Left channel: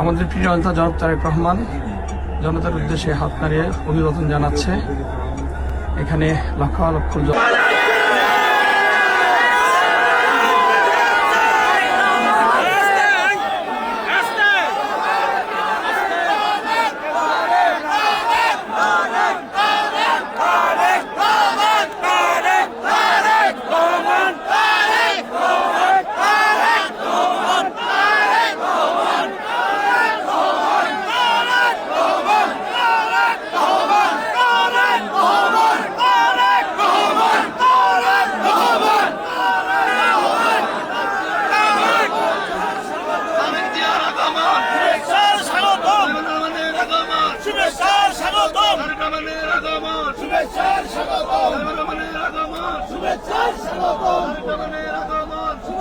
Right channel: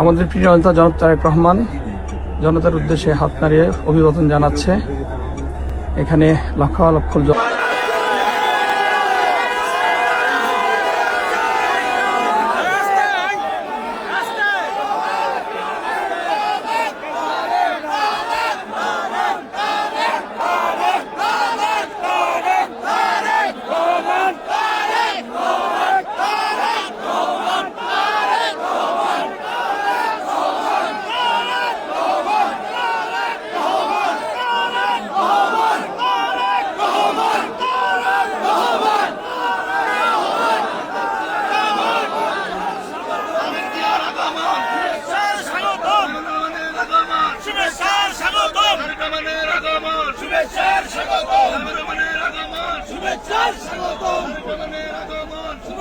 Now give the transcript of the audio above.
আমাদের প্রিয় নেতা জনাব তারেক রহমান জনতার উদ্দেশ্যে হাত নাড়িয়ে অভিবাদন জানাচ্ছে। এখানে লক্ষ লক্ষ শুভেচ্ছার স্বাগতম শুভেচ্ছার স্বাগতম শুভেচ্ছার স্বাগতম